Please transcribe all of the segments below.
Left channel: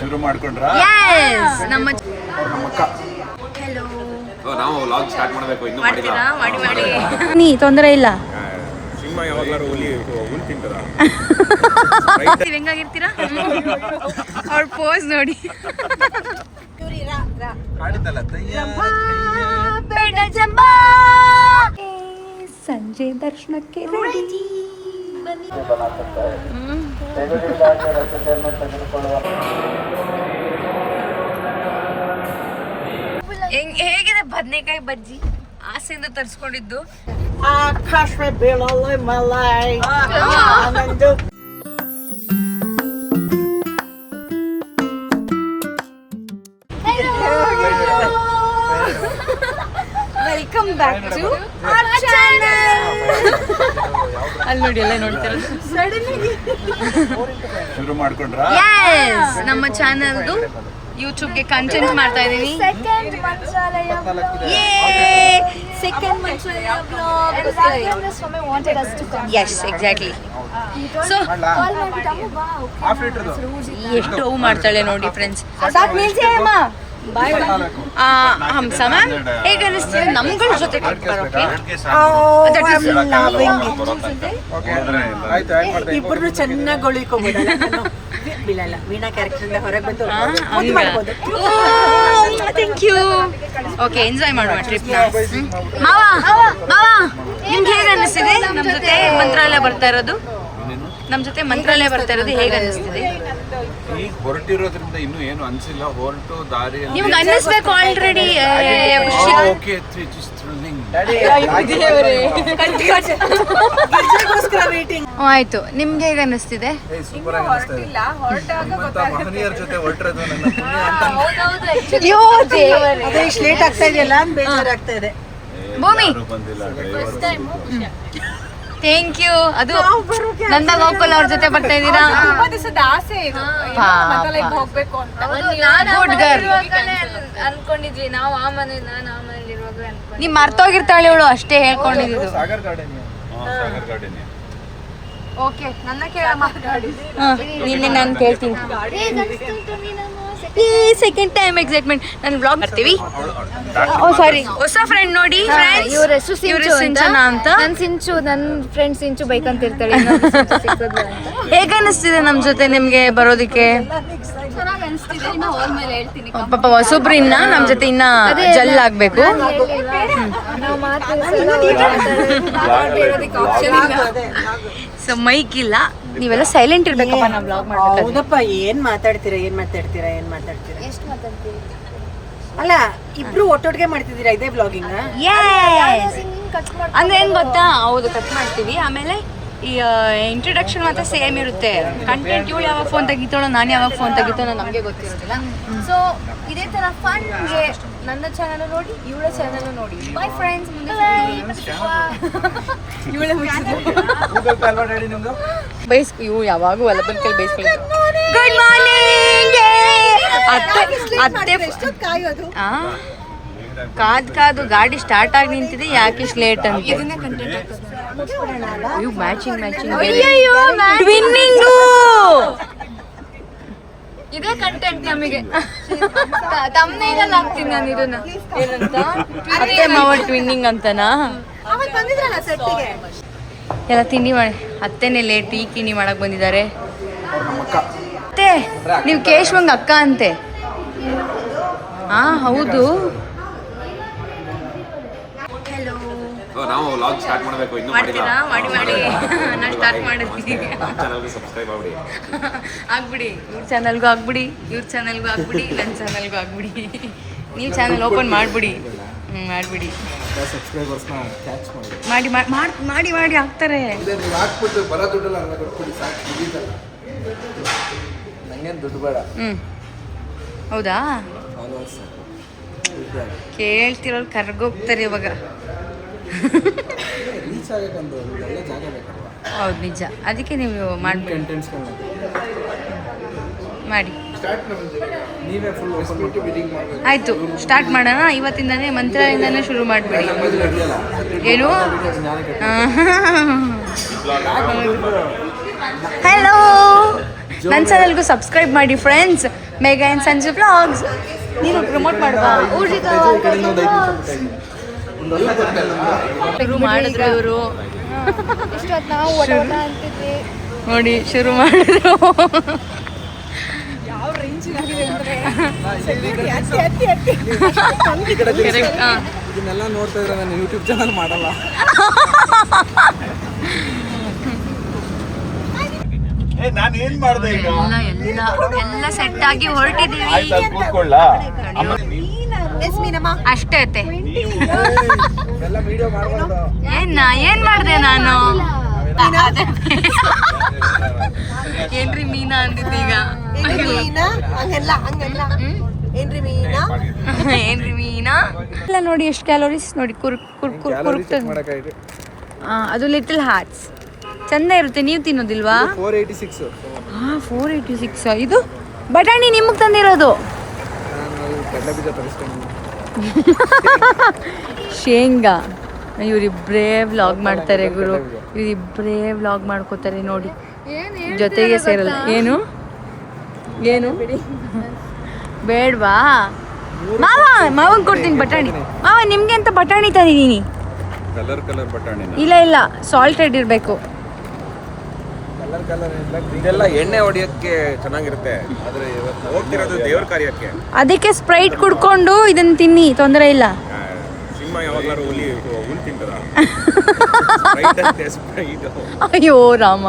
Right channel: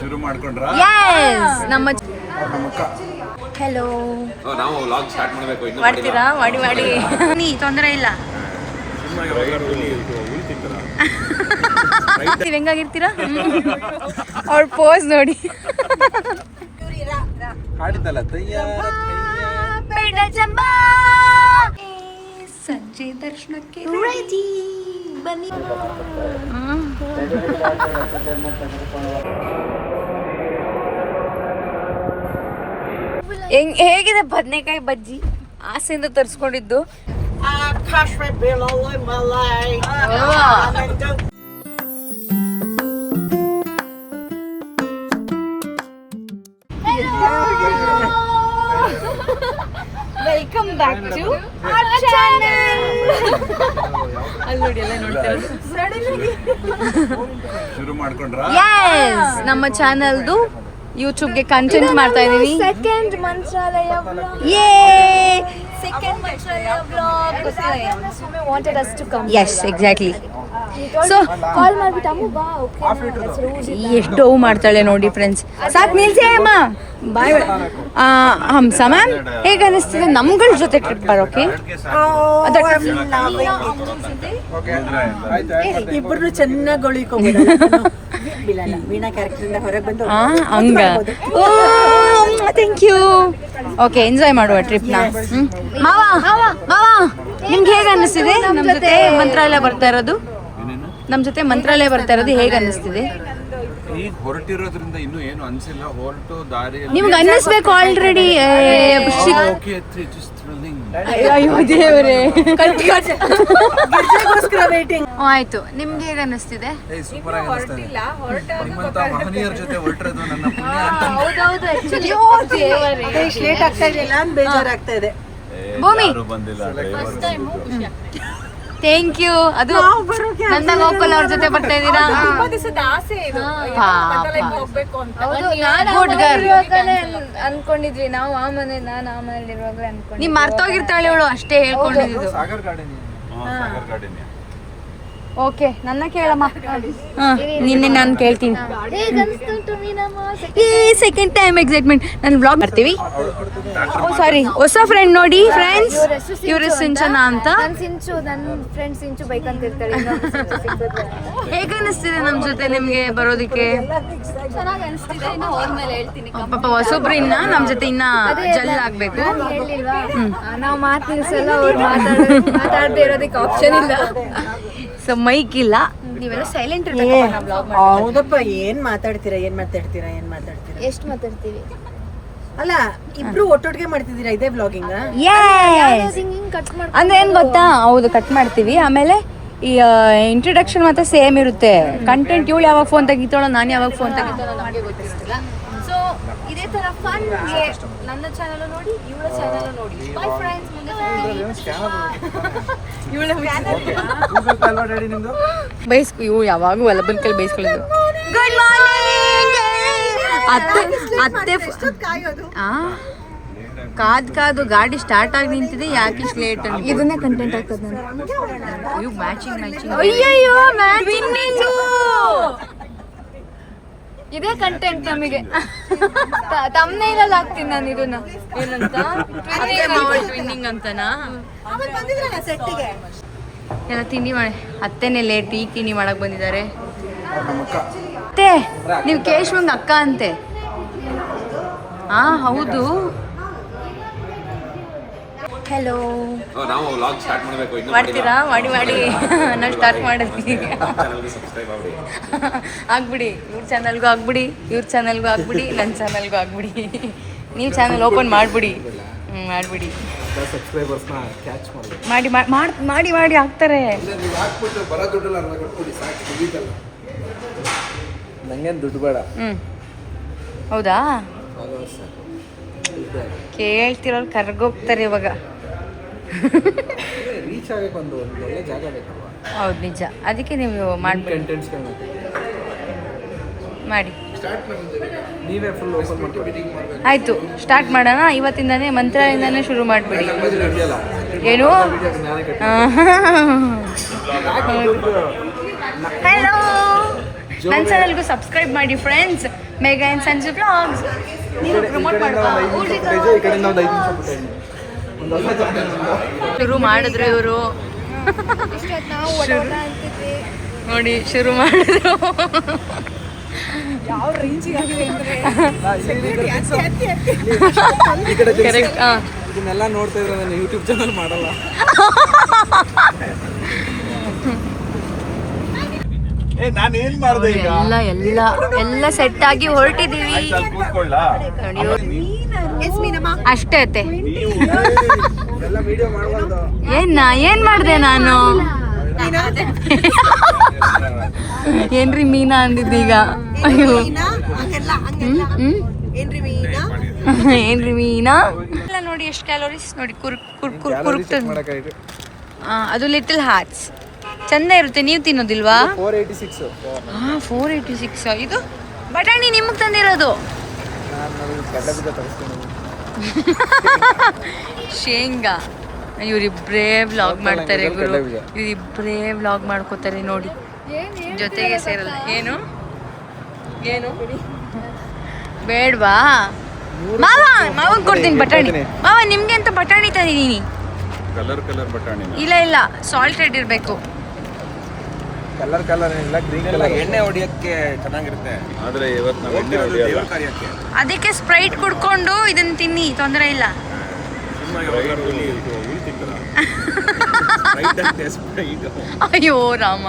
ಶುರು ಮಾಡ್ಕೊಂಡ್ರಾ? ಯಸ್ ನಮ್ಮ ಅಕ್ಕ. ಹೆಲೋ. ನಾವು ವ್ಲಾಗ್ ಸ್ಟಾರ್ಟ್ ಮಾಡಬೇಕು. ಇನ್ನು ಮಾಡ್ತೀರಾ? ಮಾಡಿ ನೀ ತೊಂದರೆ ಇಲ್ಲ. ಸಿಂಹ ಯಾವಾಗಲೂ ಹುಲ್ ತಿಂತಾರ. ಹೆಂಗಾಗಿರ್ತೀರಾ? ಅವ್ರ ಪೋಸ್ ನೋಡಿ. ಸಂಜೆ ದರ್ಶನಕ್ಕೆ ರೆಡಿ ಬನ್ನಿ. ಹೇಗಿದೆ ಬದನೆಕಾಯಿ ಬಜ್ಜಿ? ಆಸೆಯಿಂದ ತರಿಸ್ಕೊಂಡಿದ್ದು. Welcome back to our channel. ಅಲ್ಲಿ ನೋಡಿ ಎಲ್ಲ ನೋಡ್ತಿರೋದು. ಶುರು ಮಾಡ್ಕೊಂಡ್ರಾ? ಯಸ್ ನಮ್ಮ ಚಾನೆಲ್ದು ಯೂಟ್ಯೂಬ್ಗೆ ಕಂಟೆಂಟ್ ಮಾಡ್ತಾ ಇದೀನಿ. Second Mantralaya vlog wanted us to come. Yes, exactly. So ಕಾಲ್ ಮಾಡ್ಬಿಟ್ಟು ಅಮ್ಮ ಬಾ ಓಕೆ ಎಷ್ಟು ಮಾಡ್ತಾಳೆ ನೋಡಿ ಫ್ರೆಂಡ್ಸ್. ಸಾಕು ನಿಲ್ಸಿ ಅಮ್ಮ. ಬಾಯ್ ಹಂಸ ಮ್ಯಾಮ್, ಹೇಗೆ ಅನಿಸ್ತಿದೆ ನಮ್ಗಳ ಜೊತೆ ಟ್ರಿಪ್ ಬರೋಕೆ? ಇಬ್ಬರು ಚೆನ್ನಾಗಿ ಒಳಿಕೋಬೋದಲ್ಲ. ಬೀಳಲ್ಲ, ವೀಣಾ ಕ್ಯಾರೆಕ್ಟರ್ ಹೊರಗೆ ಬಂದು ಥ್ಯಾಂಕ್ ಯು. ಓಕೆ, ಎಂಜಾಯ್ ಮಾಡುವ ಟ್ರಿಪ್ನ. ಮಾವ ನಿಮ್ಗೆ ಹೇಗೆ ಅನಿಸ್ತಿದೆ ನಮ್ಮ ಜೊತೆ ಮಂತ್ರಾಲಯ ಬರ್ತಾ ಇರೋದು? ನಮ್ಮ ಜೊತೆ ಮಂತ್ರಾಲಯ ಬರ್ತಾ ಇರೋದು ಹೇಗೆ ಅನಿಸ್ತಿದೆ? ಈಗ ಹೊರಟಿರೋದ್ರಿಂದ ಇನ್ನೂ ಏನು ಅನ್ಸಿಲ್ಲ. ಹೊರಟು ದಾರಿ ನಿಮ್ಗೆ ಅನ್ನಿಸ್ಬೇಕು ಆಲ್ರೆಡಿ. ಆಯ್ತು, ನಿಮ್ಗೆ ಹೇಗೆ ಅನ್ನಿಸ್ತಿದೆ? ಮಹನೀಯರ ಜೊತೆ ಹೊರಟಿರೋದು ನನ್ನ ಪುಣ್ಯ ಅಂತ ಲೇಟ್ ಆಗ್ತಾ ಇದೆಯಲ್ಲ, ಬೇಜಾರಾಗ್ತಾ ಇದೆ. ಭೂಮಿ ಥ್ಯಾಂಕ್ ಯು. ಅದು ನನ್ನ ಗೋಕುಲ್ ಅವ್ರ ಜೊತೆ ಬರ್ತಾ ಇದ್ದೀರಾ? Good girl. ಅನ್ಕೊಂಡಿದ್ವಿ ನಾವು ಆ ಮನೇಲಿ, ನಾನು ಆ ಮನೇಲಿ ಇರುವಾಗ ನೀವ್ ಮರ್ತೋಗಿರ್ತಾಳೆ ಇವಳು, ಅಷ್ಟೇ ಹೇಳ್ಕೊಂಡಿದ್ದು. ಸಾಗರ್ ಗಾರ್ಡನ್. ಓಕೆ, ನನ್ನ ಕೇಳಮ್ಮ. ನಿನ್ನೆ ನಾನು ಕೇಳ್ತೀನಿ. Second time excitement. ನಾನು ಬ್ಲಾಗ್ ಮಾಡ್ತೀವಿ. ಸಾರಿ, ಹೊಸ ಫ್ರೆಂಡ್ ನೋಡಿ ಫ್ರೆಂಡ್ಸ್, ಇವರು ಸಿಂಚನ ಅಂತ. ನನ್ನ ಫ್ರೆಂಡ್ ಸಿಂಚು ಬೈಕಂತ ಇರ್ತಾಳೆ. ಹೇಗೆ ಅನಿಸ್ತಿದೆ ನಮ್ಮ ಜೊತೆ ನಿಮ್ಗೆ ಬರೋದಿಕ್ಕೆ? ಚೆನ್ನಾಗಿ ಅನಿಸ್ತಿದೆ. ಇನ್ನು ಹೋದ ಮೇಲೆ ಹೇಳ್ತೀನಿ. ಪಾಪ ಹೊಸಬ್ರು ಇನ್ನ ನಮ್ಮ ಜೊತೆ ಇನ್ನ ಜಲ್ ಆಗ್ಬೇಕು. ನಾವು ಮಾತಾಡದೇ ಇರೋದಕ್ಕೆ ಆಪ್ಷನ್ ಇಲ್ಲ. ಸೊ ಮೈಕ್ ಇಲ್ಲ, ನೀವೆಲ್ಲ ಸೈಲೆಂಟ್ ಇರ್ಬೇಕಪ್ಪ. ನಾವು ಬ್ಲಾಗ್ ಮಾಡ್ಬೇಕು. ಹೌದಪ್ಪ, ಏನ್ ಮಾತಾಡ್ತೀರಾ? ಎಷ್ಟು ಮಾತಾಡ್ತೀವಿ? ಅಲ್ಲ, ಇಬ್ರು ಒಟ್ಟೊಟ್ಟಿಗೆ ಮಾಡ್ತಿದ್ದೀರಾ ಇದೇ ಬ್ಲಾಗಿಂಗ್? ಅಂದ್ರೆ ಏನ್ ಗೊತ್ತಾ? ಹೌದು, ಕಟ್ ಮಾಡ್ತೀವಿ. ಆಮೇಲೆ ಈ ಇಂಟ್ರೊಡಕ್ಷನ್ ಮಾತ್ರ ಸೇಮ್ ಇರುತ್ತೆ. ಕಂಟೆಂಟ್ ಇವಳು ಯಾವಾಗ ಫೋನ್ ತೆಗಿತಾಳೋ, ನಾನು ಯಾವಾಗ ಫೋನ್ ತೆಗಿತಾನೋ ನಮಗೆ ಗೊತ್ತಿರುತ್ತಿಲ್ಲ. ಸೊ ಇದೇ ತರ ಫನ್ ನನ್ನ ಚಾನಲ್ ನೋಡಿ, ಇವಳ ಚಾನಲ್ ನೋಡಿ. By friends. ಮುಂದೆ ಇವಳೇ ಗುಡ್ ಮಾರ್ನಿಂಗ್. ಅತ್ತೆ ಕಾದು ಗಾಡಿ ಸ್ಟಾರ್ಟ್ ಆಗಿ ನಿಂತಿದೆ. ಯಾಕೆ ಇಷ್ಟು ಲೇಟ್ ಅಂತ ಇದನ್ನೇ ಕಂಟೆಂಟ್ ಆಗ್ತದೆ. ಇವು ಮ್ಯಾಚಿಂಗ್ ಟ್ವಿನ್ನಿಂಗು. ಇದೇ ಕಂಟೆಂಟ್ ನಮಗೆ. ತಮ್ಮನೇಲಲ್ಲಿ ಹಾಕ್ತೀನಿ ನಾನು ಇದನ್ನ. ಏನಂತ? ಅತ್ತೆ ಮಾವ ಟ್ವಿನ್ನಿಂಗ್ ಅಂತನಾ? ಎಲ್ಲ ತಿಂಡಿ ಮಾಡಿ. ಅತ್ತೆನೇ ಲೇಟ್, ಈಗ ತಿಂಡಿ ಮಾಡಕ್ ಬಂದಿದ್ದಾರೆ. ಅತ್ತೆ, ನೀವು ಕೇಶವಂಗ್ ಅಕ್ಕ ಅಂತೆ. ಹಾ ಹೌದು. ಹೆಲೋ. ನಾವು ವ್ಲಾಗ್ ಸ್ಟಾರ್ಟ್ ಮಾಡಬೇಕು. ಇನ್ನು ಮಾಡ್ತೀರಾ? ಮಾಡಿ ನಾನು ಸ್ಟಾರ್ಟ್ ಮಾಡಿದ್ವಿ. ಚಾನಲ್ಗೆ ಸಬ್ಸ್ಕ್ರೈಬ್ ಆಗ್ಬಿಡಿ. ಆಗ್ಬಿಡಿ. ಇವ್ರ ಚಾನಲ್ಗೂ ಆಗ್ಬಿಡಿ, ಇವ್ರ ಚಾನಲ್ಗೂ ಆಗ್ಬಿಡಿ, ನನ್ನ ಚಾನಲ್ಗೂ ಆಗ್ಬಿಡಿ. ನೀವು ಚಾನಲ್ ಓಪನ್ ಮಾಡ್ಬಿಡಿ. ಮಾಡ್ಬಿಡಿ. ಸಬ್ಸ್ಕ್ರೈಬರ್ಸ್ನ ಕ್ಯಾಚ್ ಮಾಡಿ ಆಗ್ತಾರೆ. ನಂಗೇನು ದುಡ್ಡು ಬೇಡ. ಹೌದಾ? ಕೇಳ್ತಿರೋರು ಕರ್ಗೋಗ್ತಾರೆ ಇವಾಗ. ರೀಚ್ ಆಗಕ್ಕೆ ಒಂದು ಒಳ್ಳೆ ಜಾಗ ಬೇಕಲ್ವಾ? ಹೌದು, ನಿಜ. ಅದಕ್ಕೆ ನೀವು ಮಾಡ್ಬಿಡಿ. ಮಾಡಿ. ನೀವೇ ಫುಲ್ ಓಪನ್ ಮಾಡ್ಬಿಡಿ. ಆಯ್ತು, ಸ್ಟಾರ್ಟ್ ಮಾಡೋಣ. ಇವತ್ತಿಂದಾನೇ ಮಂತ್ರಾಲಯದಿಂದಾನೇ ಶುರು ಮಾಡಿಬಿಡಿ. ಏನು? ಹಲೋ, ನನ್ನ ಚಾನಲ್ಗೂ ಸಬ್ಸ್ಕ್ರೈಬ್ ಮಾಡಿ friends. Megha and Sanju vlogs. ನೀನು ಪ್ರಮೋಟ್ ಮಾಡ್ಬಾ. ಶುರು ಮಾಡಿದ್ರು ಇವರು. ನೋಡಿ ಶುರು ಮಾಡಿದ್ರು. ಇದನ್ನೆಲ್ಲ ನೋಡ್ತಾ ಇದ್ರೆ ನಾನು ಯೂಟ್ಯೂಬ್ ಚಾನಲ್ ಮಾಡಲ್ಲ. ಎಲ್ಲ ಸೆಟ್ ಆಗಿ ಹೊರಟಿದೀವಿ. ಅಷ್ಟೇ ಐತೆ. ಏನ್ ಮಾಡ್ದೆ ನಾನು? ಏನ್ರಿ ಮೀನಾ ಅಂದಿದ್ದೀಗ? ಏನ್ರಿ ಮೀನಾ? ಇಲ್ಲ ನೋಡಿ ಎಷ್ಟು ಕ್ಯಾಲೋರೀಸ್ ನೋಡಿ. ಕುರುಕ್ತದೆ. ಅದು ಲಿಟಲ್ ಹಾರ್ಟ್ಸ್ ಚಂದ ಇರುತ್ತೆ. ನೀವು ತಿನ್ನೋದಿಲ್ವಾ? 486. 486. ಇದು ಬಟಾಣಿ ನಿಮಗೆ ತಂದಿರೋದು. ಶೇಂಗಾ. ಇವರಿಬ್ಬರೇ ವ್ಲಾಗ್ ಮಾಡ್ತಾರೆ ಗುರು. ಇವರಿಬ್ಬರೇ ವ್ಲಾಗ್ ಮಾಡ್ಕೋತಾರೆ ನೋಡಿ. ಜೊತೆಗೆ ಸೇರಲ್ಲ. ಏನು ಬೇಡವಾ? ಮಾವನ್ ಕೊಡ್ತೀನಿ ಬಟಾಣಿ. ಮಾವ ನಿಮ್ಗೆ ಅಂತ ಬಟಾಣಿ ತಂದಿದ್ದೀನಿ. ಕಲರ್ ಬಟಾಣಿ. ಇಲ್ಲ ಸಾಲ್ಟೆಡ್ ಇರಬೇಕು. ಇದೆಲ್ಲ ಎಣ್ಣೆ ಹೊಡಿಯಕ್ಕೆ ಚೆನ್ನಾಗಿರುತ್ತೆ. ಆದ್ರೆ ಇವತ್ತು ನಾವು ಎಣ್ಣೆ ಹೊಡಿಯೋಲ್ಲ. ಕಾರ್ಯಕ್ಕೆ ಅದಕ್ಕೆ ಸ್ಪ್ರೈಟ್ ಕುಡ್ಕೊಂಡು ಇದನ್ನ ತಿನ್ನಿ, ತೊಂದರೆ ಇಲ್ಲ. ಸಿನಿಮಾ ಯಾವಾಗಾರು ಹುಲಿ ತಿಂತಾರ? ಅಯ್ಯೋ ರಾಮ,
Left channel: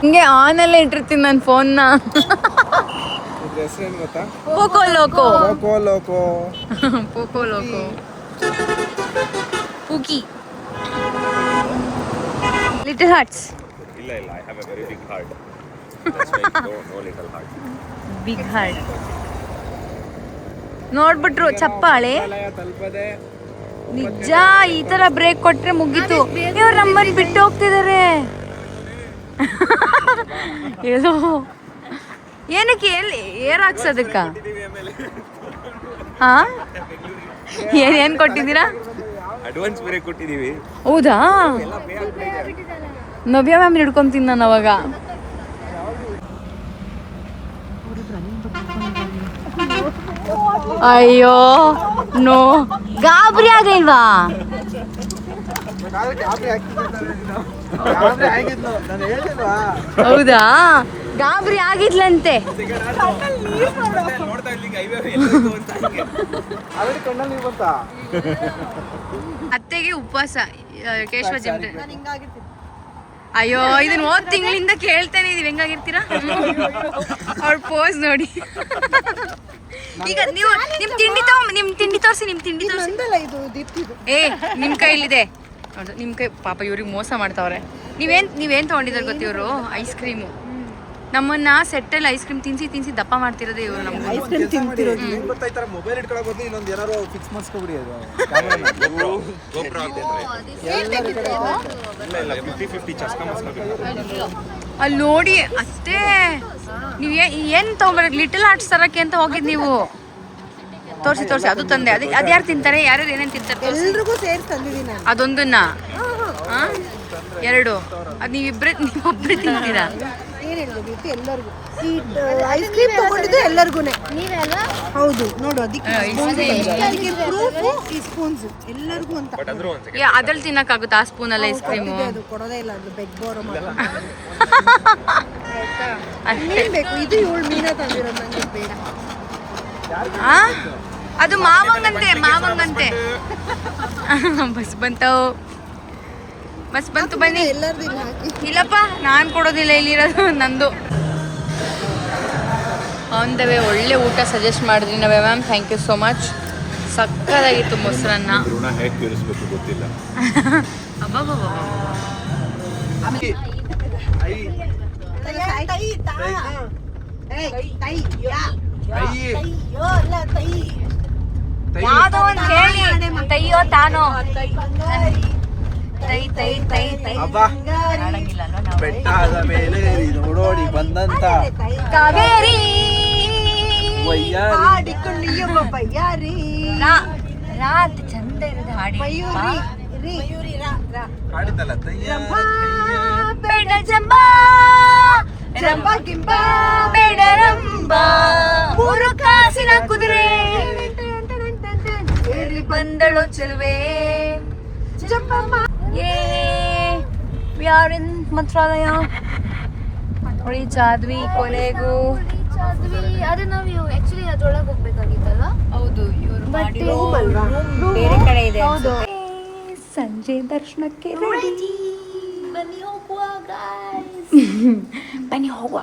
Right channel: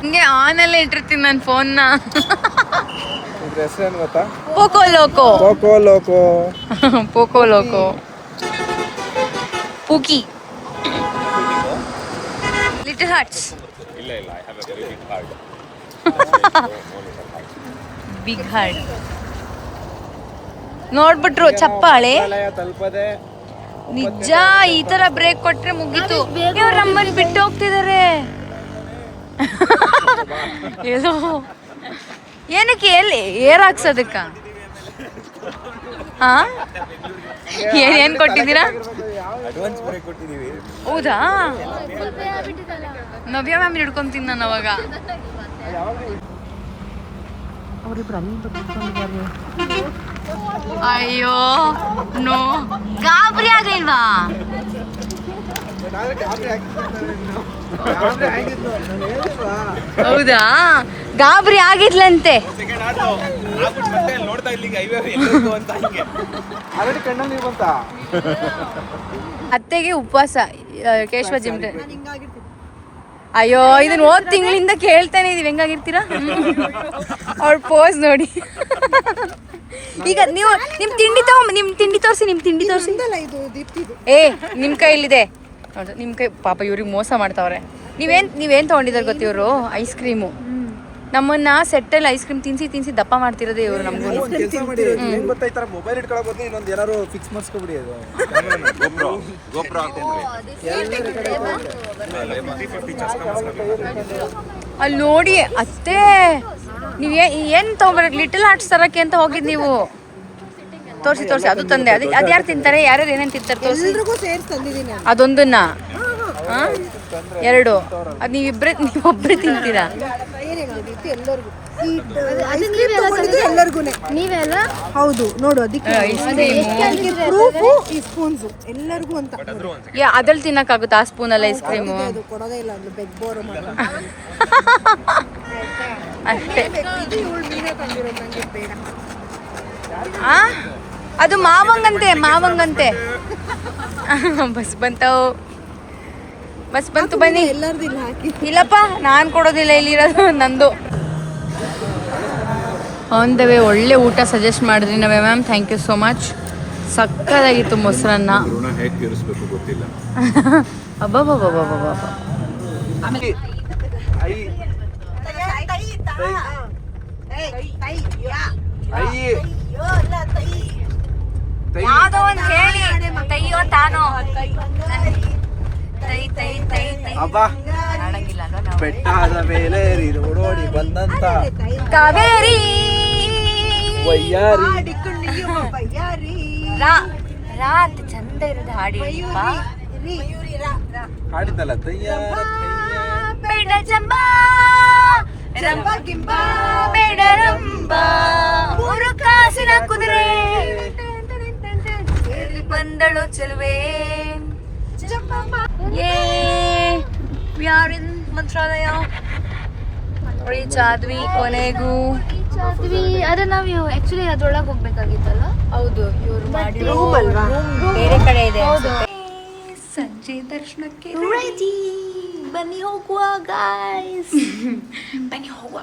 ಹಿಂಗೆ ಆನಲ್ಲೇ ಇಟ್ಟಿರ್ತೀನಿ ನನ್ನ ಫೋನ್ನ. ಹೆಸರೇನು ಗೊತ್ತಾ? Poco loco pookie little hearts. ಇಲ್ಲ I have a very big heart. Big heart ನೋಡ್ಬಿಟ್ರು ಚಪ್ಪಾಳೆ. ನಿಜ ಈ ತರ ಬ್ರೇಕ್ ಕೊಟ್ರೆ ಮುಗೀತು. ಇವ್ರು ನಮ್ಮನ್ನು ಬಿಟ್ಟು ಹೋಗ್ತಿದ್ದಾರೆ. ಏನೋ ಏನಕ್ಕೆ ಎಲ್ಲಿ ಏರ್ ಹಾಕ್ಸೋದಕ್ಕ? ಹಾ ಏನ್ ಕೊಟ್ಟಿದ್ದೀರಾ? ಅಡ್ವಾನ್ಸ್ ಬೇರೆ ಕೊಟ್ಟಿದೀವಿ. ಹೌದಾ? ನವ್ಯ ಮ್ಯಾಮ್ ಹಿಡ್ಕೊಂತೀನಿ ನಾನು ಅವಾಗ. ಅಯ್ಯೋ ನೋ, ಗಾಬರಿ ಆಗಿಲ್ವಾ? ಹೌದಾ? ಗಾಬರಿ ಆಗಿದ್ಲಂತೆ. ಅತ್ತೆಗೆ ಉಪವಾಸ ಕೇಶವ ಜಿಮ್ಟೆ. ಅಯ್ಯೋ ಇದನ್ನ ಹೋದ್ ತಿಂಗಳಿಂದ ಕೇಳ್ತಾನೆ ಇದೀವಿ, ಹೆಂಗಾಗಿರ್ತೀರಾ? ಅವ್ರ ಪೋಸ್ ನೋಡಿ. ಈಗ ನೀವು ನಿಮ್ ತಿಂಡಿ ತೋರಿಸಿ. ನಿಮ್ ಕೈಲಿದೆ ಹೌದು, ನಿಮ್ ಕೈ. ಪಾಪ ಇವ್ರಿಗೆ ಮೋಸ ಮಾಡ್ತಾವ್ರೆ. ನೀವೇನ್ ತಗೊಂಡಿದ್ದಾರೆ ಗೊತ್ತ? ಇವರು ಐಸ್ ಕ್ರೀಮು. ನಮ್ಮನ್ನ ಸೆಟ್ಟಲ್ಲಿ ಐಸ್ ಕ್ರೀಮ್ ತಿನ್ಸಿ ದಪ್ಪ ಮಾಡ್ತಿರೋದೇ ಇವರು ನಮಗೂ. ಅಲ್ಲಿ ನೋಡಿ ಅಷ್ಟೇ. ನೀವ್ ಏನ್ ತಗೊಂಡ್ಬರ? ಲಿಟಲ್ ಹಾರ್ಟ್ಸ್ ತರಕ್ಕೆ ಅಂತ ಹೋಗಿದ್ ನೀವು. ತೋರಿಸಿ ಅದು ತಂದೆ. ಅದ್ಯಾರು ತಿಂತಾರೆ? ಯಾರ್ಯಾರು ಏನೇನು ತಿಂತಾರೆ ತೋರಿಸಿ. ಅದೊಂದನ್ನ 2 ಅದು ನೀವೊಬ್ಬರೇ ತಿಂತೀರಾ? ಹೌದು ನೋಡು, ಅದ್ರಲ್ಲಿ ತಿನ್ನಕ್ಕಾಗುತ್ತಾ? ಆ ಸ್ಪೂನಲ್ಲಿ ಐಸ್ ಕ್ರೀಮು ಕೊಡೋದೇ ಇಲ್ಲ. ಅಷ್ಟೇ. ಅದು ಮಾವಂಗಂತೆ. ಬಸ್ ಬಂತು ಬನ್ನಿ. ಇಲ್ಲಪ್ಪ ನಾನು ಕೊಡೋದಿಲ್ಲ, ಇಲ್ಲಿರೋದು ನಂದು. ಆನ್ ದ ವೇ ಒಳ್ಳೆ ಊಟ ಸಜೆಸ್ಟ್ ಮಾಡಿದ್ರಿ ನಾವೇ ma'am. Thank you so much. ಸಕ್ಕತ್ತಾಗಿತ್ತು ಮೊಸರನ್ನ. ಹೇಗೆ ತೀರಿಸ್ಬೇಕು ಗೊತ್ತಿಲ್ಲ. ಅಬ್ಬಬ್ಬಬ್ಬಬ್ಬಬ್ಬ. ಯಾವುದೋ ಒಂದು ಹೇಳಿ. ತೈಯೋ ತಾನೋ ಆಡಂಗಿಲ್ಲ ನಾವು. ಬೆಟ್ಟದ ಮೇಲೆ ನೋಡೋಡಿ ಬಂದಂತ ರಾತ್ ಚಂದ ಇರೋದು ಹಾಡಿ. ಹಾಡಿದ್ದಲ್ಲ ಬೇಡರಂಬ ಮೂರು ಕಾಸಿನ ಕುದುರೆ ಇಲ್ಲಿ ಬಂದಳು ಚೆಲುವೆ ಏ V are in Mantralaya reach ಆದ್ವಿ ಕೊನೆಗೂ. ಆದ್ರೆ ನಾವು ಆಕ್ಚುಲಿ ಅದ್ರೊಳಗೆ ಹೋಗ್ಬೇಕಾಗಿತ್ತಲ್ವಾ? ಹೌದು, ಇವರು ಮಾಡಿರೋ ಬೇರೆ ಕಡೆ ಇದೆ. ಸಂಜೆ ದರ್ಶನಕ್ಕೆ ರೆಡಿ, ಬನ್ನಿ ಹೋಗುವ ಗಾಯ್ಸ್. ಬನ್ನಿ ಹೋಗುವ.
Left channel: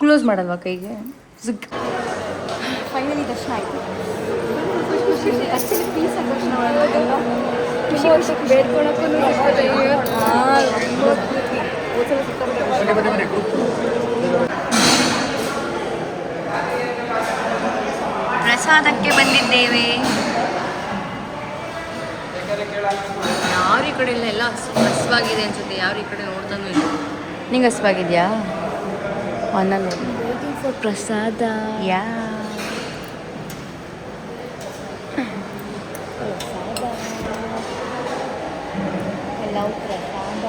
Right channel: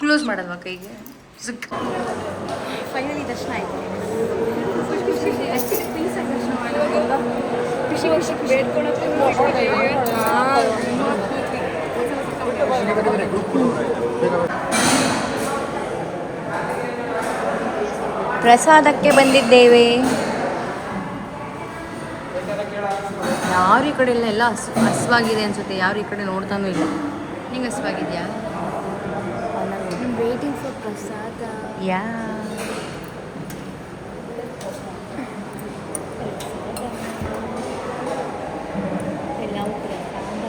ಕ್ಲೋಸ್ ಮಾಡಲ್ವಾ ಕೈಗೆ? ಫೈನಲಿ ದರ್ಶನ ಆಯ್ತು. ಆಕ್ಚುಲಿ ಪ್ಲೀಸ್ ದರ್ಶನ ಮಾಡೋದಲ್ಲ ಖುಷಿ ಖುಷಿ ಬೇಡ್ಕೊಳಕ್ಕೆ ಪ್ರಸಾದಕ್ಕೆ ಬಂದಿದ್ದೇವೆ. ಯಾವ ಈ ಕಡೆ ಎಲ್ಲ ಹಸುವಾಗಿದೆ ಅನ್ಸುತ್ತೆ. ಯಾವ ಈ ಕಡೆ ನೋಡ್ತಾನೂ ಇಲ್ಲ. ನಿಂಗೆ ಹಸುವಾಗಿದೆಯಾ? ವೇಟಿಂಗ್ ಫಾರ್ ಪ್ರಸಾದ. ಯಾ ಎಲ್ಲವೂ ಪ್ರಸಾದ.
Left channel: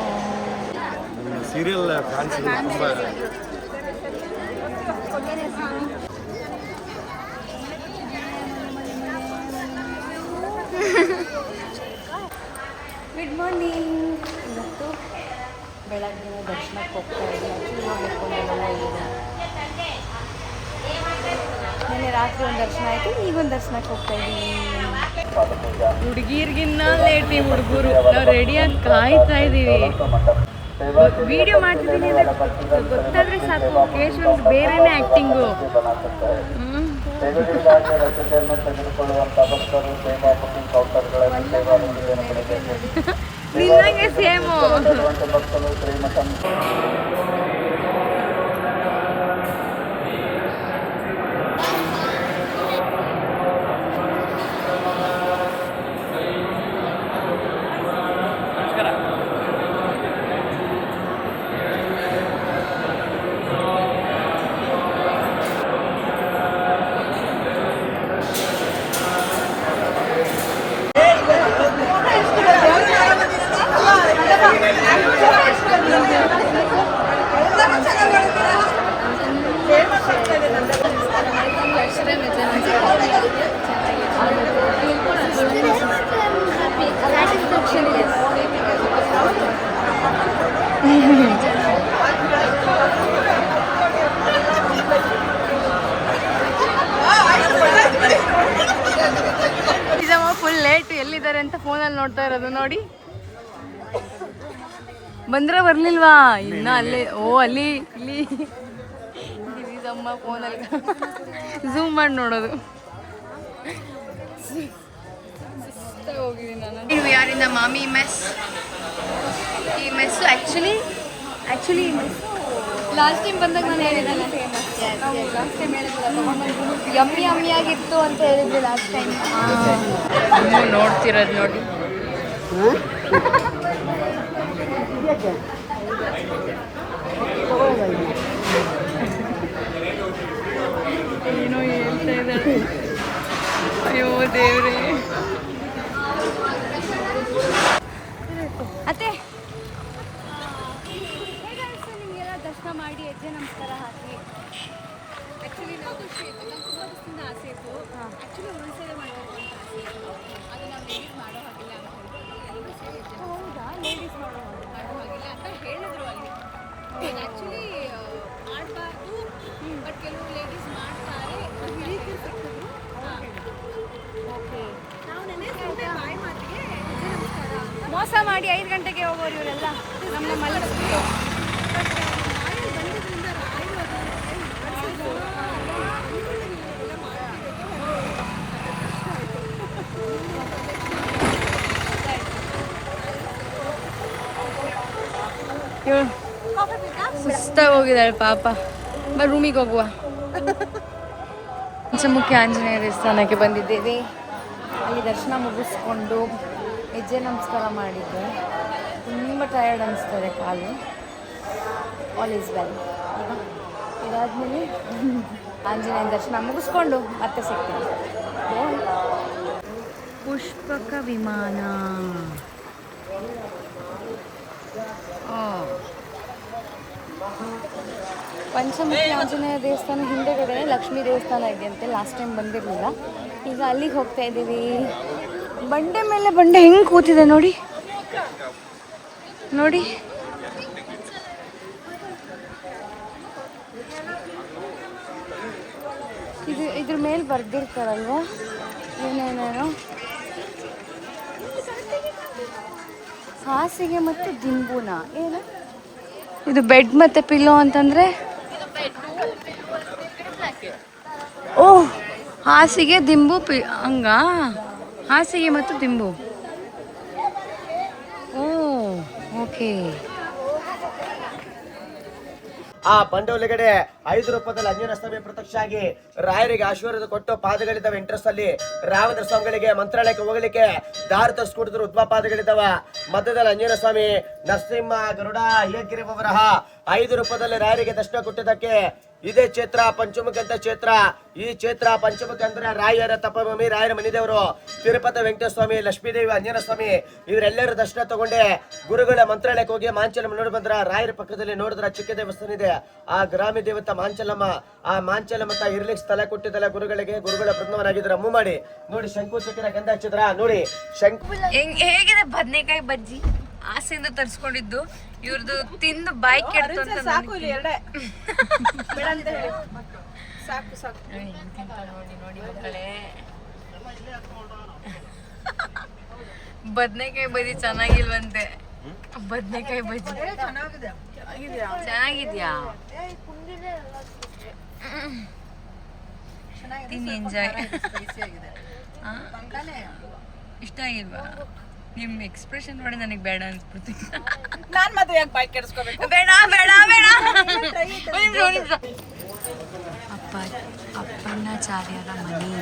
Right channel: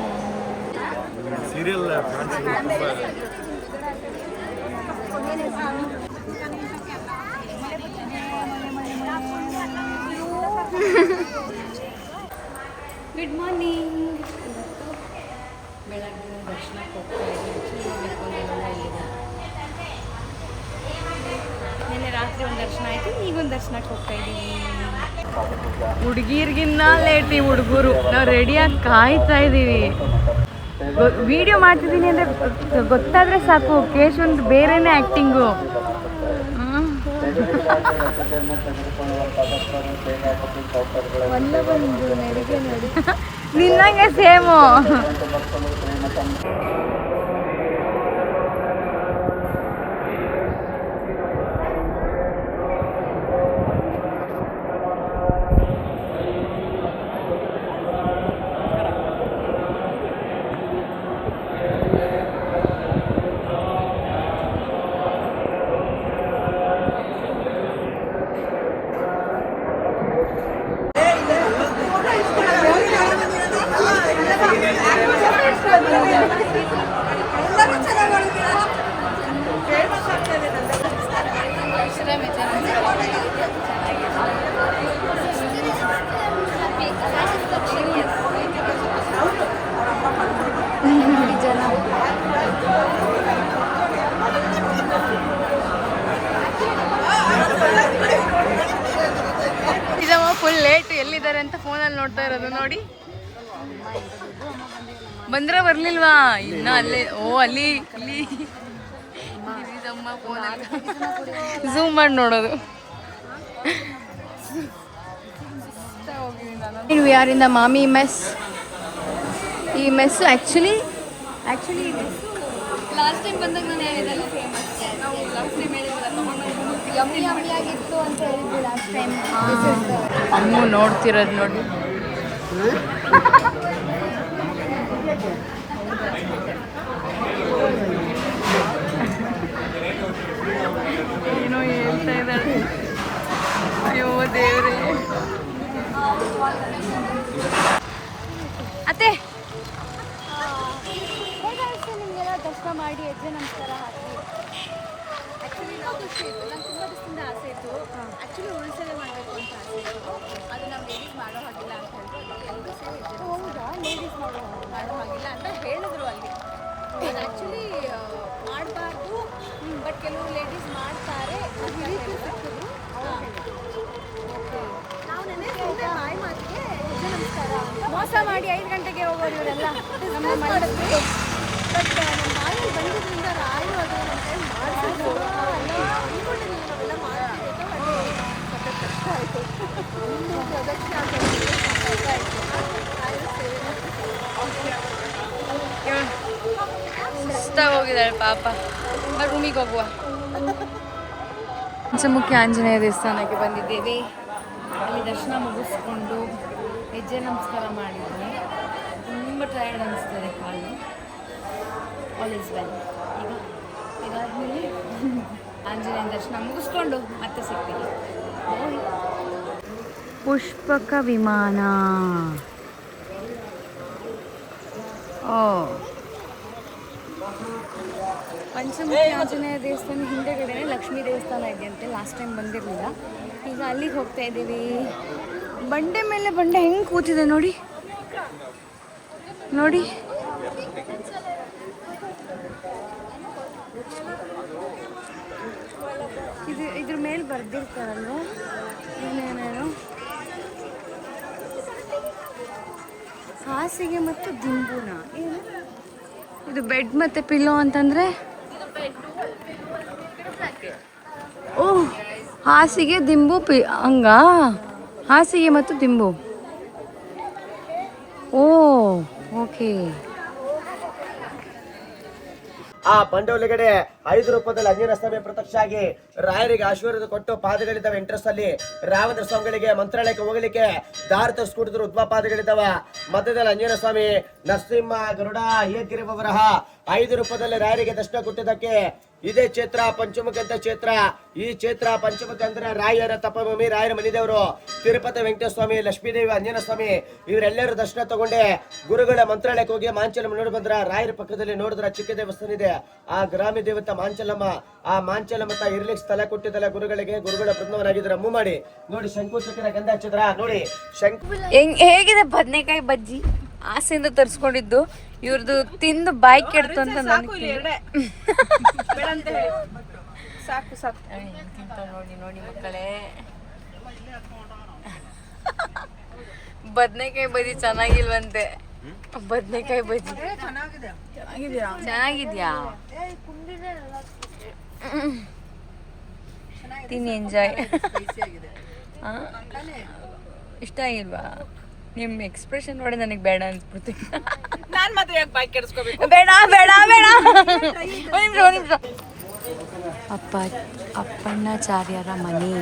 Serial good morning. ಇವತ್ತು ಬೆಳಗ್ಗೆ ದರ್ಶನಕ್ಕೆ ಹೋಗ್ತಾ ಇದ್ದೀನಿ. ಆ್ಯಕ್ಚುಲಿ ಹೋಗ್ಬೇಕು ಅಂತೆಲ್ಲ ಹೋಗಿದೆ. ನಿನ್ನೆ ರಾತ್ರಿ ಒಂದು ದರ್ಶನ ಆಯಿತು, ಈಗ ಒಂದು ದರ್ಶನಕ್ಕೆ ಹೋಗ್ತಾ ಇದ್ದೀವಿ. ಹುಡುಗಿರ್ಗಿನ್ನ ಲೇಟ್ ಈ ಹುಡುಗರು. ನಾವು ರೆಡಿಯಾಗಿ ಕಾಯ್ತಾ ಇದ್ದೀವಿ. ವಿಡಿಯೋ ಮಾಡ್ತಿದ್ದೀನಿ ಅಂದರೆ ಗೊತ್ತಾದರೆ ಸಾಕು, ಕೇಶವಂದು ಬೇರೆನೇ ಆ್ಯಕ್ಟಿಂಗು. ನಿನ್ನಂಗೆ ಸೇಮು. ನಿಜಮ್ಮ ಫುಲ್ ಲೇಟ್. ಎಲ್ಲಿದ್ದಾರೆ ಅಂತ ಫೋನಲ್ಲಿ ನೋಡ್ತಾ ಇರೋದು ನೋಡಿ. ಬಂದ್ರೆ ಬರ್ಲಿಲ್ವಾ? ಇನ್ನ ಅಲ್ಲೇ. ಓ ಅಲ್ಲಿ ಇಲ್ಲಿ ನಿಜಮ್ಮ ಫೋನಲ್ಲಿ ಝೂಮ್ ಮಾಡಿ ನೋಡೋದು. We are in the Mami mess. ಈ ಮೆಸ್ ಆ್ಯಕ್ಚುಲಿ ಲಾಸ್ಟ್ ಟೈಮ್ ಬಂದಾಗ ನಾನು ಹೇಳಿದ್ರಲ್ಲಿ ಫೇಮಸ್. ನಾವು ಲಾಸ್ಟ್ ಟೈಮ್ ಹೇಳಿದ್ರಲ್ಲ ತಗೊಂಡು ಯಮ್ಮಿ ಯಮ್ಮಿ ಆಗಿತ್ತು ಅಂತ ಹೇಳಿದ್ವಿ ಲಾಸ್ಟ್ ಟೈಮ್. ಅಮ್ಮು ನೋಡ್ತಿರೋದು ನೋಡಿ. ಏನೋ ಹೇಳ್ತಾ ಇದ್ದಾಳೆ. ಅಯ್ಯೋ ದೇವ್ರೇ. ಅತ್ತೆ ಹೇಗಾಯಿತು ನಿಮಗೆಲ್ಲ ದರ್ಶನ ಮಾಡಿ ಹೆಜ್ಜೆ ನಮಸ್ಕಾರ ಹಾಕಿ? ಆ್ಯಕ್ಚುಲಿ ನಾವು ಖುಷಿ ಇತ್ತು. ನಂಗೆ ತುಂಬ ದಿವಸದಿಂದ ಆಸೆ ಇತ್ತು. ಆ್ಯಕ್ಚುಲಿ ಉಳಿಸೇವೆ ಮಾಡಬೇಕು ಅಂತ ಆಸೆ ಇತ್ತು. ಅದು ನಾವು ಲೇಡೀಸ್ ಮಾಡೋ ಹಾಗಿಲ್ಲ ಅಂತ ಹೇಳಿದ್ರು. ಅದಕ್ಕೆ ಎಲ್ಲರೂ ಸೇರಿ ಹೌದಾ? ಲೇಡೀಸ್ ಮಾಡೋ ಹಾಗಿಲ್ಲ ಅಂತ ಹೇಳಿದ್ರು ಅಲ್ಲಿ. ಆ್ಯಕ್ಚುಲಿ ಮಾಡಬಾರ್ದು, ಬಟ್ ಕೆಲವು ಲೇಡೀಸ್ ಮಾಡ್ತಾರೆ. ಹಿರಿಯರು ಸಿಕ್ಕಿದ್ರು, ಅವ್ರು ಹೇಳಿದ್ರು. ಓಕೆ, ನಾವು ನೆನೆ ಸುಮ್ಮನೆ ಬಾಯಿ ಮಾತಿಗೆ ಹೆಜ್ಜೆ ನಮಸ್ಕಾರ ಅಂತ ಮೋಸ ಮಾಡಿ 5 ಗಂಟೆಗೆ ಹೋಗೋರು ಇವರೆಲ್ಲ ನಮ್ಮ ಮಲಗಿಸ್ಬಿಟ್ಟು. ಬಟ್ ನಮ್ಮ ಬಾಯಲ್ಲಿ ಬಂದಿದ್ದರಿಂದ ರಾಯರು ಅದು ನಮ್ಮ ಕೈ ಮಾಡಿಸಿದ್ರು. ಅಂದ್ಕೊಂಡಿಲ್ಲ ನಾವೆಲ್ಲ ಮಾಡ್ತೀವಿ ಅಂತ. ಬಟ್ ಕಷ್ಟ ಆಯಿತು. ಪ್ರದಕ್ಷಿಣೆ ಕಷ್ಟ ಆಯಿತು. ಸುಸ್ತಾಗಿ ಹೋಗಿದ್ದಾಳೆ ಪಾಪ. ರೂಮಿಗೆ ಹೋಗುವ. ಪಂಚಮುಖಿ ಆಂಜನೇಯ ದೇವಸ್ಥಾನಕ್ಕೆ ಬಂದಿದ್ದೇವೆ. ಅಲ್ಲಿ ದರ್ಶನ ಮುಗಿಸ್ಕೊಂಡು ಹೆಜ್ಜೆ ನಮಸ್ಕಾರ ಮಾಡಿದ್ದು. ತುಂಬ ಟಯರ್ಡ್ ಅನಿಸ್ತದೆ ಕಾಲು. All is well. ಈಗ ಇದಾದಮೇಲೆ ಆಂಜನೇಯ ದರ್ಶನ ಮುಗಿಸ್ಕೊಂಡು ಮತ್ತೆ ಸಿಗ್ತೀವಿ. ಬಾಯ್. ಪುಷ್ಪಕ ವಿಮಾನ. ಓ ಪಂಚಮುಖಿ ಆಂಜನೇಯ ದೇವಸ್ಥಾನ ಹಿಂದೆಗಡೆ ಲಕ್ಷ್ಮೀ ದೇವಸ್ಥಾನ ಇದೆಯಂತೆ. ಲಾಸ್ಟ್ ಟೈಮ್ ಬಂದಿರಲಿಲ್ಲ. ಈಗ ಅಲ್ಲಿಗೆ ಹೋಗ್ತಾ ಇದ್ದೀವಿ. ಬಂಡೆ ಮೇಲೆ ಬಂಡೆ ಹೆಂಗೆ ಕೂತಿದೆ ನೋಡಿ ನೋಡಿ. ಇದ್ರ ಮೇಲೆ ಬರ್ದಿರ್ತಾರಲ್ವ ಏನೇನೇನೋ. ಹಾಸಿಗೆ ಮತ್ತು ದಿಂಬುನ ಏನು ಇದು? ಬೆಡ್ ಮತ್ತು ಪಿಲ್ಲೋ ಅಂತಂದರೆ ಓಹ್, ಹಾಸಿಗೆ ದಿಂಬು ಹಂಗ ಹಾಸಿಗೆ ಮತ್ತು ದಿಂಬು. ಓ ಓಕೆ. ಆ ಬಂಡೆ ಒಳಗಡೆ 5 ರೂಪದಲ್ಲಿ ಅಂಜನ ಸ್ವಾಮಿ ಪ್ರತ್ಯಕ್ಷ ಆಗಿ ರಾಯರಿಗೆ ಆಶೀರ್ವಾದ ಕೊಟ್ಟು ಪಾದಗಳಿದ್ದಾವೆ ಎಂಟ್ರೆಸ್ ಅಲ್ಲಿ. ರಾಮಚಂದ್ರ ಸ್ವಾಮಿಗಳಿಗೆ ಮಂತ್ರಾಲಯಕ್ಕೆ ಹೋಗಲಿಕ್ಕೆ ದಾರಿ ತರಿಸ್ಕೊಟ್ಟಿದ್ರು ಉದ್ಮ ಪಾದಗಳಿದ್ದಾವ. ಮಧ್ಯದಲ್ಲಿ ಅಂಜನ ಸ್ವಾಮಿ, ನರಸಿಂಹ, ಗರುಡ, ಹೇಗಿರಿ ಬರಹ 5 ರೂಪದಲ್ಲಿ ರಾಯರಿಗೆ ದರ್ಶನ ಕೊಟ್ಟಿದ್ದಕ್ಕೆ ಇದೇ ಕ್ಷೇತ್ರ ಪಂಚಮುಖಿ ಅಂತ ಕ್ಷೇತ್ರ. ಈ ಕ್ಷೇತ್ರ ಪಂಚಮುಖಿ ಅಂದ್ರೆ ರಾಯರ ತಪಭೂಮಿ, ರಾಯರ ಮನಿದೇವರು. ತಿರುಪತಿ ವೆಂಕಟೇಶ್ವರ ಸ್ವಾಮಿ, ಲಕ್ಷ್ಮೀದೇವಿ, ಅಂಜನ ಸ್ವಾಮಿ ಇವರೆಲ್ಲರೂ ದರ್ಶನ ತಗೊಂಡೆ ಗುರುಗಳ ಮಂತ್ರಾಲಯಕ್ಕೆ ಹೋಗಿ ಮಾಂಚಲಮ್ಮ ನೋಡಿ ಬಂದ್ರ. ರಾಯರ ಪಕ್ಕದಲ್ಲಿ ನೋಡಿದ್ರ ಚಿಕ್ಕ ದೇವಸ್ಥಾನ ಇದೆ, ಆ ಗ್ರಾಮೀಣ ದೇವತ ಮಾಂಚಲಮ್ಮ. ಆ ಮಾಂಚಲಮ್ಮ ಇರ್ಲಿಕ್ಕೆ ಸ್ಥಳ ಕೊಟ್ಟಿದ್ದಲ್ಲ ಗುರುಗಳಿಗೆ. ಗುರುಗಳ ಬೃಂದವನಾಗಿದ್ರ ಅಮ್ಮು ಮಾಡಿ ನೋಡಿ. ಶಂಕು ಚಕ್ರ ಗಂಧ ಹಚ್ಚಿದ್ರ ನೋಡಿ. ಹೇಗಿದೆ ಬದನೆಕಾಯಿ ಬಜ್ಜಿ? ಆಸೆಯಿಂದ ತರಿಸ್ಕೊಂಡಿದ್ದು. ಇವ್ರದ್ದು ತಿಂದು ಬಾಯಿ ಕೆಡ್ತು ಅಂತ ನೋಡಿ ನೋಡಿ ಮಕ್ಕಳೇ. ಬದನೆಕಾಯಿ ಬಜ್ಜಿ ಚೆನ್ನಾಗಿಲ್ವಂತೆ. ಬದನೆಕಾಯಿ ಬಜ್ಜಿ ಚೆನ್ನಾಗಿದ್ಯಾ? ತಿನ್ನಿ, ಎಂಜಾಯ್. ಇಷ್ಟ ಆಗಿಲ್ವಾ? ನಿಮ್ಮ ಎಕ್ಸ್ಪ್ರೆಷನ್ ನೋಡಿ ನನಗೆ ಬೇಡ ಅನ್ಸ್ಬಿಡ್ತು. ನಾನ್ ಮಾತ್ರ ಯಾಕೆ ಬಾಯ್ ಕೆಡಿಸ್ಕೋಬೇಕು? ಬೇಡ ಬೇಡ ಬೇಡ. ಅಪ್ಪಣ್ಣಾಚಾರ್ಯರ ಮನೆ.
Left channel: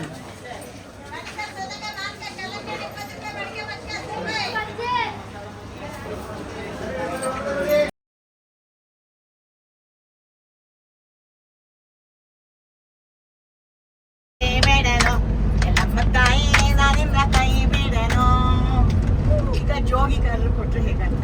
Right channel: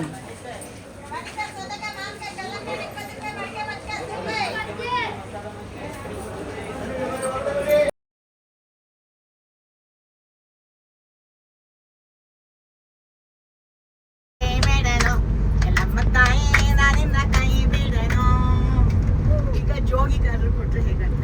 ಜೋಗಿ ಕಲರ್ ಕೊಟ್ಟರೆ ಹೇಗಂತ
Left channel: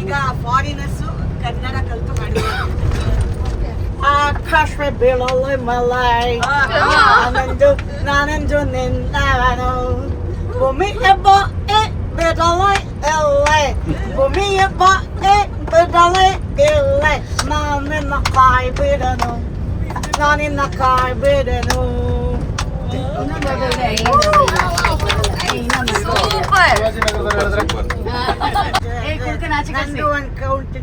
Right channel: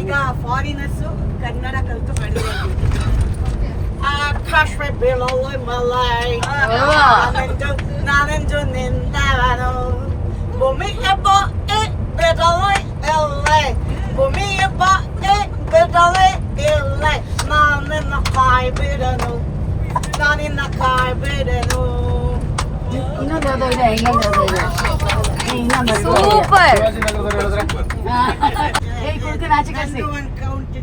ಈಗ ಫಾರಿನರ್ಸು ಕನ್ನಡ ಕಲಿತು ಮಾಡಿದ್ರು. ಆಕಾಶ ಬೀಳಲು ಮಲೈ ನಾನಂಜು ನಿಂತಾನು ಭೂಮಿಯ ಬಾಯಿ ಬಿಡಲೈ ಎಲ್ಲೈ ಭೂಮಿಯ ಬಾಯಿ ಬಿಡಲೈ ಎಲ್ಲೈ ನಾನಿನ್ನ ಕಾಯಿ ಬಿಡನು ನಾನಿನ್ನ ಕಾಯಿ ಬಿಡನು. ಸೂಪರ್. ನಂದು ಒಂದು ಕೌಂಟ್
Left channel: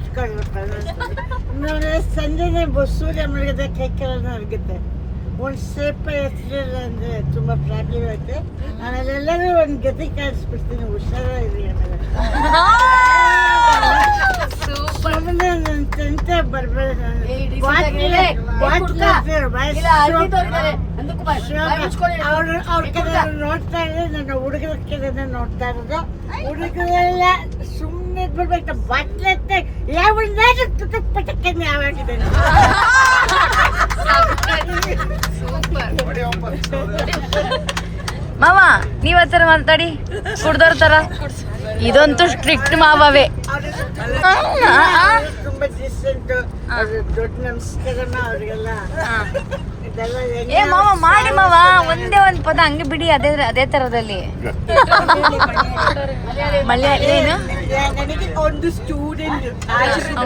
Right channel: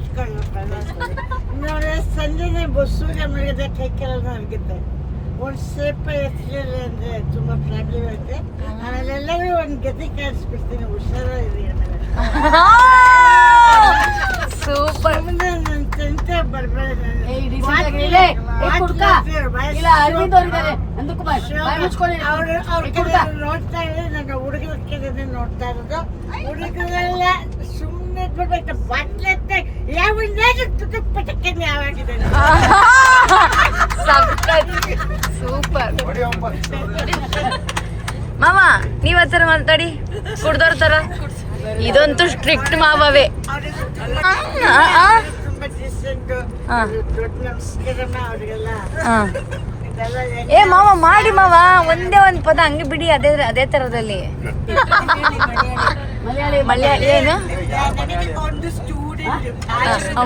ಸಂಜೆನೆ ಸೂರ್ಯ ಮುಳುಗದೆ ಕೈ ಕೆಲ ಆಗುತ್ತೆ. ಒಂದು ಸೇಪ ಹೆಸರಿಲ್ಲ ಅಂದ್ರೆ ತುಂಬಾ ಪ್ರಾಬ್ಲಮ್ ಐತೆ. ಆಮೇಲೆ ಎಲ್ಲರೂ ಒಂದು ಗತಿ ಕಾಣಿಸ್ಬಿಡ್ತೀನಿ. ಹುಷಾರಿರಿ ಆಮೇಲೆ. ಸೂಪರ್. ನನ್ನ ತಂತೆ ಬರ್ಬೇಡ. ಅವ್ರ ಕಡೆ ನೋಡ್ತಾ ಇದ್ರೆ ನನ್ನ ಹುಡುಗರ ಕಡೆ ನೋಡ್ತಾ ಇರೋದು. ಹುಡುಗರೆಲ್ಲ ಸುಮ್ಮನೆ ಬಿಡ್ಬೇಕು. ಬಟ್ಲತ್ತೆ ಯಾವ ಪಟಕ್ಕನೆ ಯಾವಾಗಿದೆ. ಸೂಪರ್. ಮಾವ ನೀವ್ ಹತ್ತರ ಮಾತಾಡಿ ಕುಡ್ದೋರ್ ತರ. ಇದಂತೂ ಸ್ಟ್ರಿಕ್ಟ್ ಮಾವೇ. ತುಂಬಾ ಡಿಸೆಂಟ್ ದೊಡ್ಡ ನಮಸ್ಕಾರಮ್ಮ ಅವ್ರಿಗೆಲ್ಲ. ಏ ಮಾವ ಮಾಡಿ ಮಾವ, ಒಂದೇ ಒಂದ್ ಪದ ಹಂಗೆ ಬಿಡಿ. ಅದೇ ತರದಲ್ಲಿ ಮಲಯಾಳಿ ಏನು? ನನಗೆ ಒಂದು ಸ್ಟೂಡೆಂಟ್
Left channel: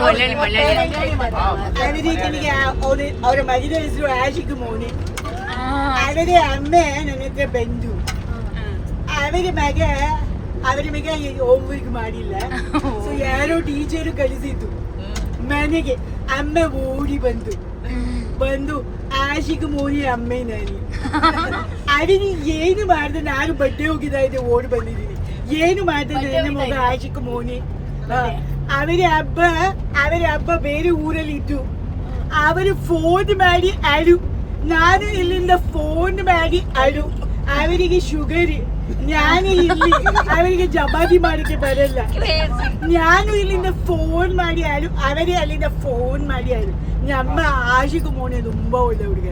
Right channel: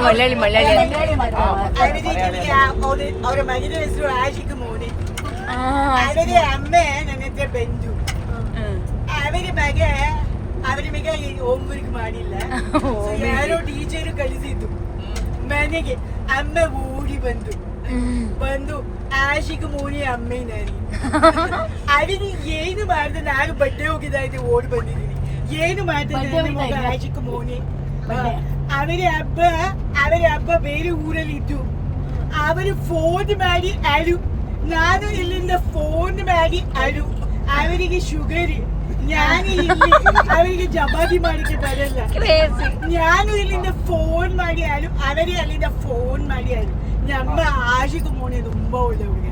ಮಲಯಾಳಿ ಮಲಯಾಳಿ ಅವರ ಮದುವೆ ಹೆಸರು ಆಶಿಕ್ ಮೋನಿ. ಅವರಿಗೆ ಅಮ್ಮೆ ನನ್ನ ಹತ್ರ ಬಂದು ಅವರಿಗೆ ಮಗ ಹೋಮ್ವರ್ಕ್ ಮಾಡಿಲ್ಲ. ಯಾರೋ ಟೀಚರು ಕಳಿಸಿದ್ದು ಮನೆಗೆ. ಅಮ್ಮ ಓಡಿ ಬಂದು ಆಶಿಕ್ ಮೋನಿ ಅಮ್ಮೆ ನಾನು ಅವರಿಗೆ ಏನು ಮಾಡಿದೆ. ನಾನು ಬಟ್ಟೆ ಹೋಗಿದ್ದೆ ಓಡಿ ಬಂದಿದ್ದೀನಿ. ಏನು ಮಾಡ್ತಿದ್ದೆ ನನ್ನ ಮಗ ಆಶಿಕ್ ಮೋನಿ. ಅವರ ಹಬ್ಬ ಬೇರೆ ಊರಲ್ಲಿ ಇದ್ದು ಅವರು ಫೋನ್ ಮಾಡಿ ಅಳು, ನಾನು ಇಲ್ಲಿಂದ ಫೋನ್ ಮಾಡಿ ಅಳು. ಅವರಿಗೆ ಶುಗರ್, ನಾನು ಇಲ್ಲಿ ಅವರಿಗೆ ಜಮಾದಿ ಮಾಡಕ್ಕೆ ಬರಲ್ಲ. ನಾನು ಇಲ್ಲಿಂದ ಫೋನ್ ಮಾಡಿ ಅಳು, ಅವರೇ ಅಲ್ಲಿಂದ ಫೋನ್ ಮಾಡಿ ಅಳು. ನಮ್ಮ ಆಶಿಕು ಮೋನೆ ತುಂಬಾ ಒಳ್ಳೆ ಹುಡುಗ.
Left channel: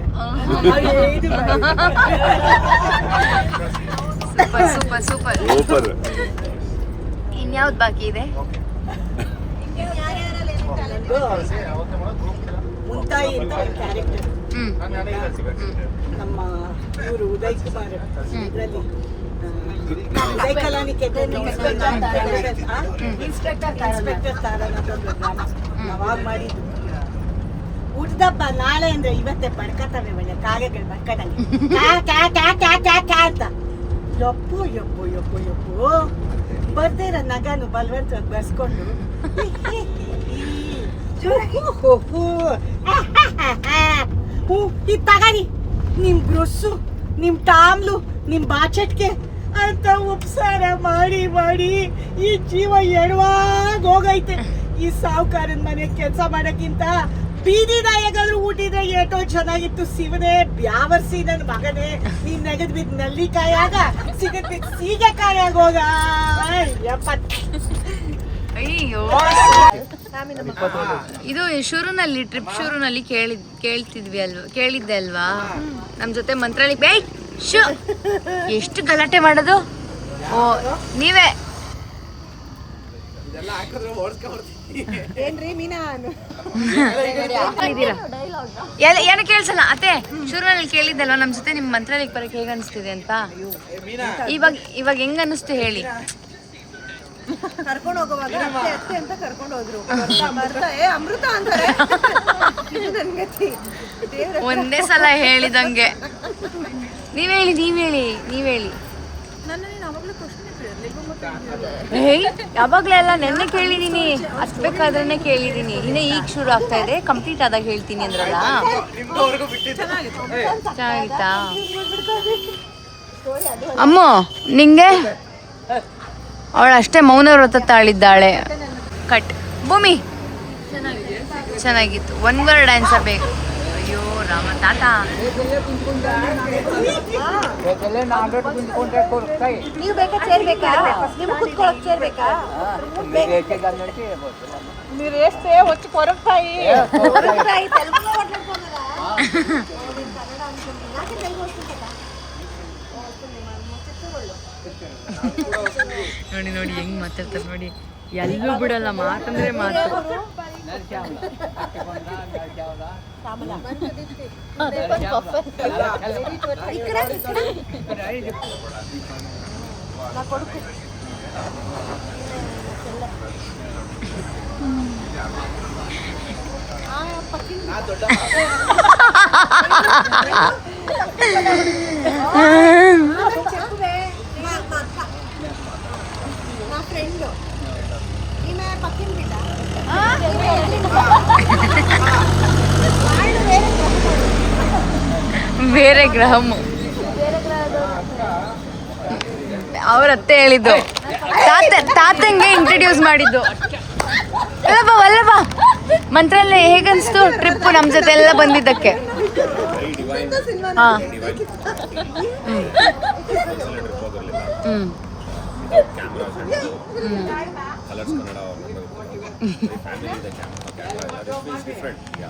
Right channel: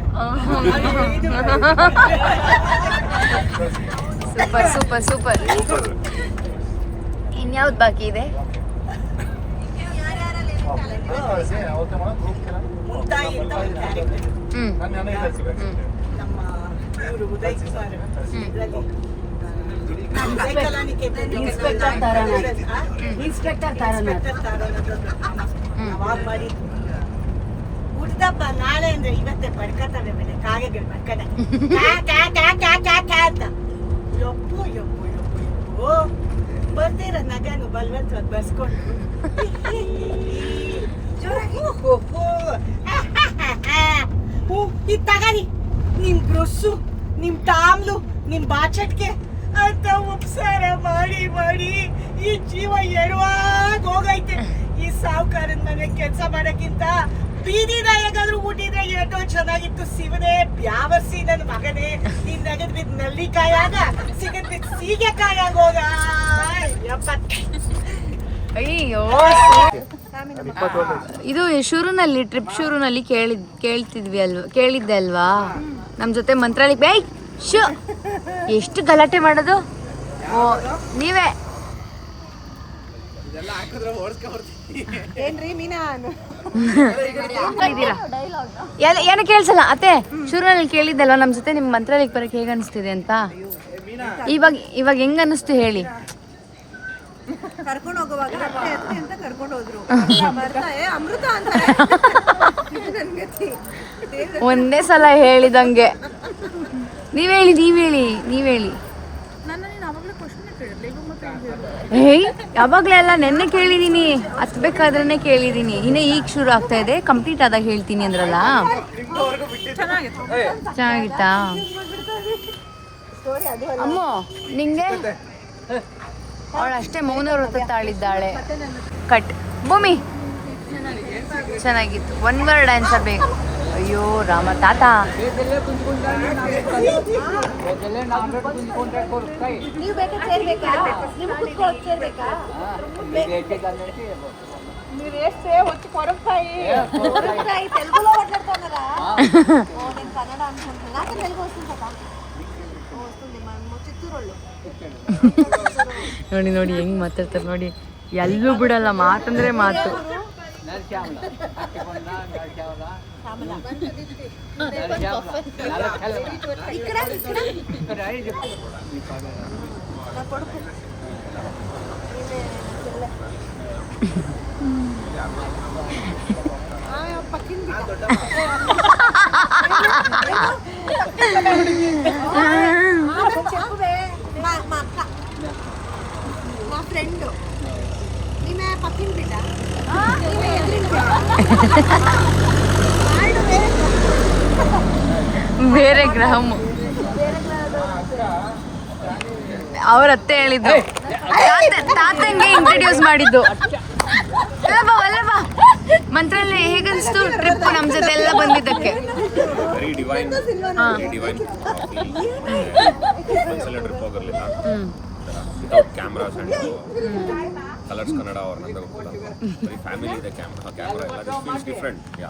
Super super super. ಇನ್ಯಾವ್ದು ಬಾಕಿ ಇದೆ? ಮುಂತಾಯಿ ಅಂತ ಒಂದು ಕ್ಯಾರೆಕ್ಟರ್ ನಮ್ಮ ಇವರು ಉದಯ್ ಕುಮಾರ್ ಇದರಲ್ಲಿ ಉದಯ ಕಲಾನಿಕೇತನ್ ಇನ್ಸ್ಪೆಕ್ಟರ್ ತಾರನಾಥದ್ದು ಅವಾಗ ಮಾಡಿದ್ದು. ಹುಟ್ಟಿದಪ್ಪ ನಾಳೆ ಅಂದ್ರೆ ಇವತ್ತೇ ಪಡ್ಕತ್ತವೆ ಮನೆ ಕಾಗೆಗಳು ಮಕ್ಕಳಲ್ಲಿ ಅಂತ. ಯಪ್ಪು ಯಪ್ಪು ಯಪ್ಪು ಯಪ್ಪು ಬರ್ದಿರ ನಗನು ಬಲವಂತವಾಗಿ ಬರ್ಸ್ಕೊಂಡು ಇದು ತಗರಿ ನಿಮ್ ಬ್ರಸ್ಸು, ನಿಮ್ ಟಾಮ್ಲು, ನಿಮ್ ಬಾಚಟ್ಕೆ ಅಂತ ಉಪಸಾರ ಮಾಡಿ ಮಾಡಿ ಈ ಜೀವ ಎಡವಾಗ ಹೋಗೈತೆ. ಈ ಸಾವುಕಾರನ ಮನೆ ಕೆಲಸ ಮಾಡಕ್ಕಿಂತ ಬೀದಿ ನಾಯಗಾದ್ರೂ ಊಟಿದ್ರೆ ಏಟೋ ಚೆನ್ನಾಗಿತ್ತು. ಶಿವನೇ ಬ್ಯಾವರ್ಸಿ ನನ್ನ ಮಗನೇ, ನೀನ್ ನೆಗದ್ ಬಿದ್ದು ನಲ್ಲಿಕಾಯಾಗ ಸಿಗದ್ ಬಿದ್ದು ಸೀಗೆಕಾಯಾಗ ಹೋಗ. ಅಯ್ಯೋ, ಇದು ಶುರುನಲ್ಲಿ ಟ್ರಿಪ್ ಶುರುನಲ್ಲಿ ಕೇಳಿದ್ದೆ ಅಲ್ವಾ ನಮ್ಮ ಜೊತೆ ಮಂತ್ರಾಲಯಕ್ಕೆ ಬೈ ಶೋ ಎಷ್ಟು ಗಲಾಟೆ ಮಾಡೋದು. ಓ ನೀವೇ ಏನು ಕೇಳಿಸಲ್ಲ ಅತ್ತೆ. ಶುರುನಲ್ಲಿ ಕೇಳಿದ್ದಲ್ವಾ ನಮ್ಮ ಜೊತೆ ನಿಮ್ಮ ಮಂತ್ರಾಲಯಕ್ಕೆ ಬರೋಕೆ ಹೇಗೆ ಅನಿಸ್ತಿದೆ ಅಂತ. ಇವಾಗ ಹೆಂಗ್ ಅನಿಸ್ತು ಹೇಳಿ. ಕರ್ಕೊಂಡು ಹೋಗುವಾಗ ಅತ್ತೆ ಅತ್ತೆ ಅಂತ ಕರ್ಕೊಂಡು ಹೋದ್ರು. ಅಮೃತ ಅಂತ ಒಂದೇ ಸಲ ಹೇಳಿದಂಗೆ. ನೀವ್ ಹೇಳಿ ನನ್ನ ನೀನು ಅವಾಗಲೇ ಕ್ವಶನ್ ಕೇಳಿರ್ಲಿ. ಯಾವಾಗಲೇ ಅಲ್ಲ, ನೆನ್ನೆ ಕೇಳಿದೀನಿ, ಹತ್ಬೇಕಾದ್ರೆ ಕೇಳಿದೀನಿ. ಇನ್ನು ಈಗ ಶುರು ಆಗ್ತಾ ಇದೆ, ಕಂಪ್ಲೀಟ್ ಆದಾಗ ಹೇಳ್ತೀನಿ ಅಂದ್ರಲ್ಲ. ಚೆನ್ನಾಗಿತ್ತಾ ಅಮ್ಮ? ನಿಂಗೆ ಅವಳು ಅಷ್ಟೇ ಮೌನ ವ್ರತ ತಾಳಿದ್ದಾಳೆ. ಕಟ್ ಭೂಮಿ ಚೆನ್ನಾಗಿತ್ತು. ಒನ್ ವರ್ಡ್ ಆನ್ಸರ್ ಬೇಕು. ಅಯ್ಯೋ ರಾಮ ತಾತ. ನೀವು ಬೇಕಾ ಚೇರ್ ಬೇಕಾ? ನಿಮ್ಗೆ ಕುತ್ಕೊಳಕ್ ಚೇರ್ ಬೇಕಾ? మీరు వేస్తే వచ్చి కొరకుతాయి తెలుగులో మాట్లాడుతున్నారా? నేను కన్నడ అనుకుంటున్నా. నాకు తెలుగు వస్తుంది కదా. వస్తుంది మా చిత్తూరులో. ನೋಡಿ ಹೆಂಗ್ ಮಾತಾಡ್ತಾರೆ ನೋಡಿ. ಎಲ್ಲೂ ಬಿಡಲ್ಲ, ಮಾತಂದ್ರೆ ಮಾತು. మా ఫ్రెండ్ ఈమె పక్కన బిడ్డ ಬೇರೆ ಗ್ರಹము. ಅವ್ರ ಅತ್ತೆ ಹೇಳಿದ್ದು, ತಾತಂಗೆ ಇಂಟ್ರೊಡ್ಯೂಸ್ ಮಾಡಿದ್ದು. ವಲ್ಲಭ ಮಂತ್ರಾಲಯ ಹೇಗನ್ಸ್ತು ಟ್ರಿಪ್ ನಮ್ಮ ಜೊತೆ ಎಲ್ಲ ಬಂದಿದ್ದಕ್ಕೆ? Very divine. ಒಂದ್ಸಲ ಟ್ರಿಪ್ ಹೋಗಿರಲಿಲ್ಲ without cameras and Colors Kannada ಅವ್ರ ನಂದು ಕೂಡ ಬರೀ ಫ್ಯಾಮಿಲಿ ಇದೆ. ಕ್ಯಾಮ್ರಾ ಎಲ್ಲ ದಿಸ್ ಫೀಲ್ಸ್ ಡಿಫ್ರೆಂಟ್. ಯಾ